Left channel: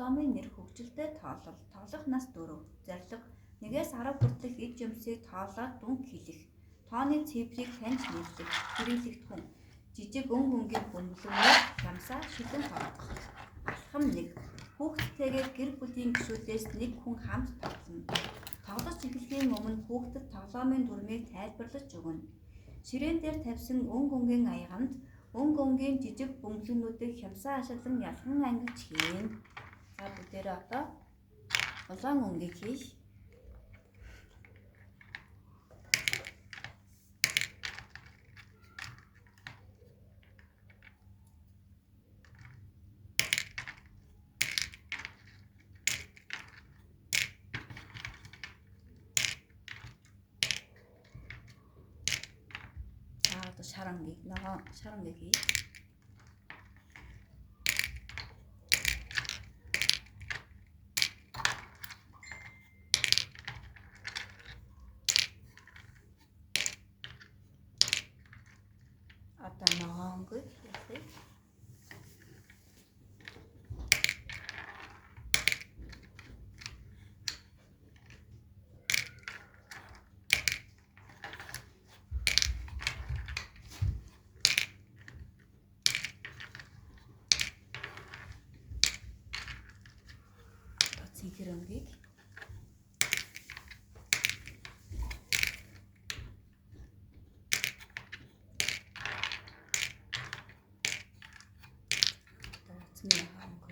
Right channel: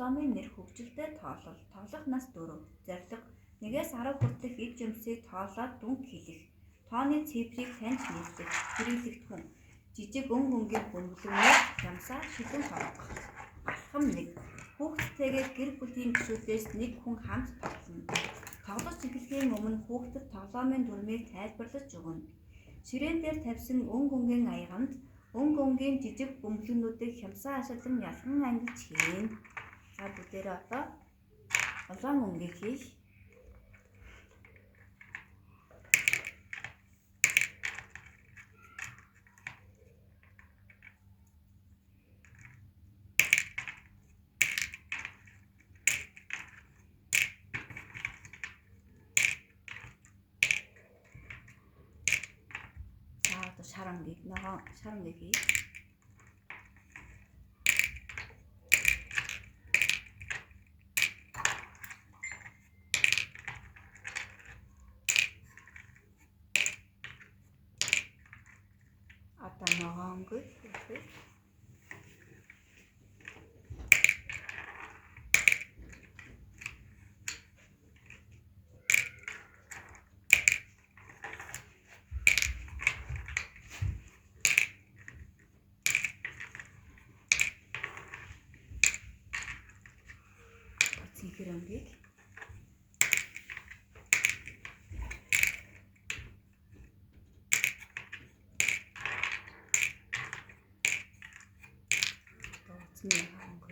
дипломын нэр хөгжилтэй тоолох нас 4, зорилго 1-10 хүртэлх эд жимсийг тоолоод дүнг хэлэх, тооны цифрыг таньж нийлдэг, хэрэглэгдэх хүн, жижиг өнгийн бөмбөлгөөр ямсаа шилэн тоглох. Алхам 1. Хүүхдтэйгээ гэр бүлийн гишүүдээс нэг хүн хамт тоглоно. Тоглож эхлэхийн өмнө хүүхдэд тоглоомын дүрмийг тайлбарлаж өгнө. Ширээн дээр тавьсан өнгийн аяганд өнгийн жижиг бөмбөлгөнүүдийг хямсаа ашиглан ялхан ангилж хийн. За бүгдээрээ одоо улаан өнгийг хийх. Шар өнгийг хий. Одоо ногоон өнгийг хийх. Цэнхэр өнгийг. Цэнхэр өнгийг.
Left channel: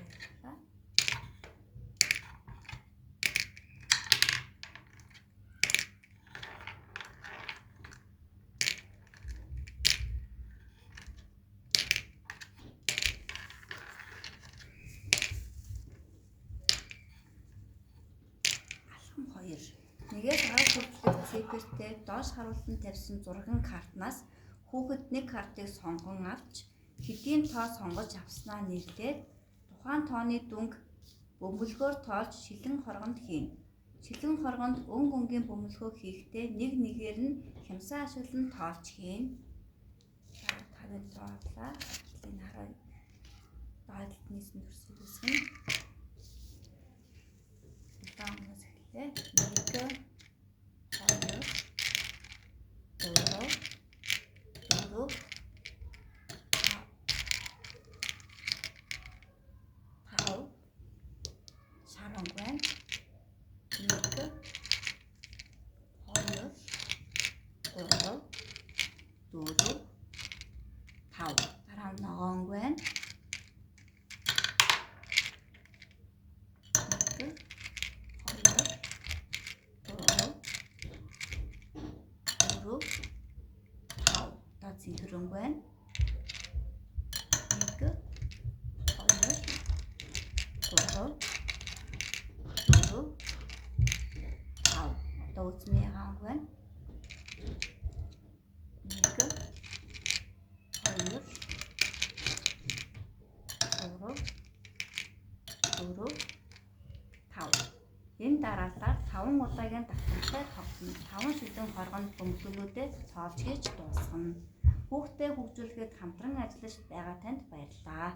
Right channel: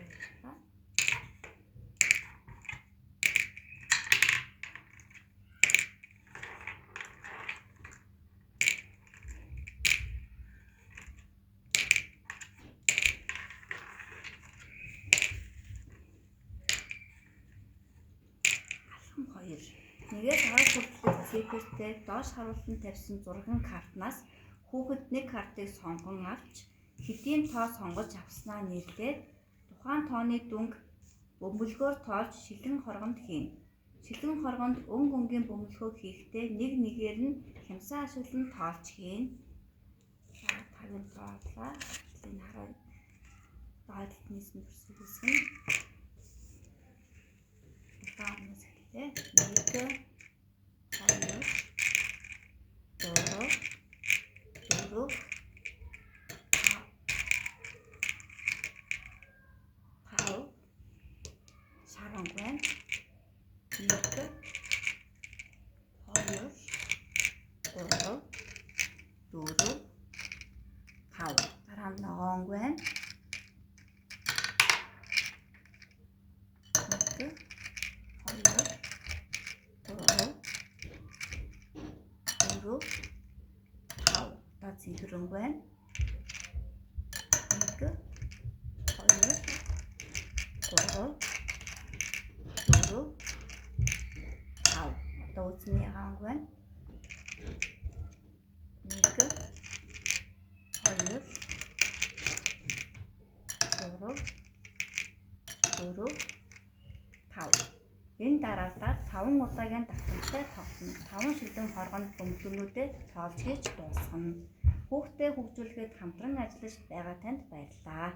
Нэгээс 10 хүртэлх цифртэй доош харуулсан тавьсан зурган картнаас хүүхэд нэг картыг сонгон авч хэдийн тоо сонгож авснаа нийлээд тухайн тооны дүнг бөмбөлгөөр тоолж шилэн хоргонд хийнэ. Шилэн хоргонд өнгийн бөмбөлгөө хийхдээ нэг нэгээр нь хямсаа ашиглан тоолж хийнэ. За таныг зооглаа. Энэ хараа баадалд нийсэн төрсийг үсгэн. Таамаас хэлээ. 1 2 Энэ дараалал 5 удаагийн давтамжтай тоглоно. 5 шилэн хоргонд бөмбөлгөнүүдэд тоолж хийж дуусгана. Хүүхдээ хөгжүүлэхэд хамтран ажиллаж байгаа танд баярлалаа.